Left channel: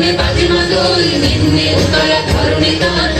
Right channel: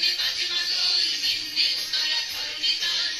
में बाजी माँ दो में उतारा घरों में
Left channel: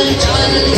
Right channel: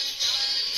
Charlie, Charlie.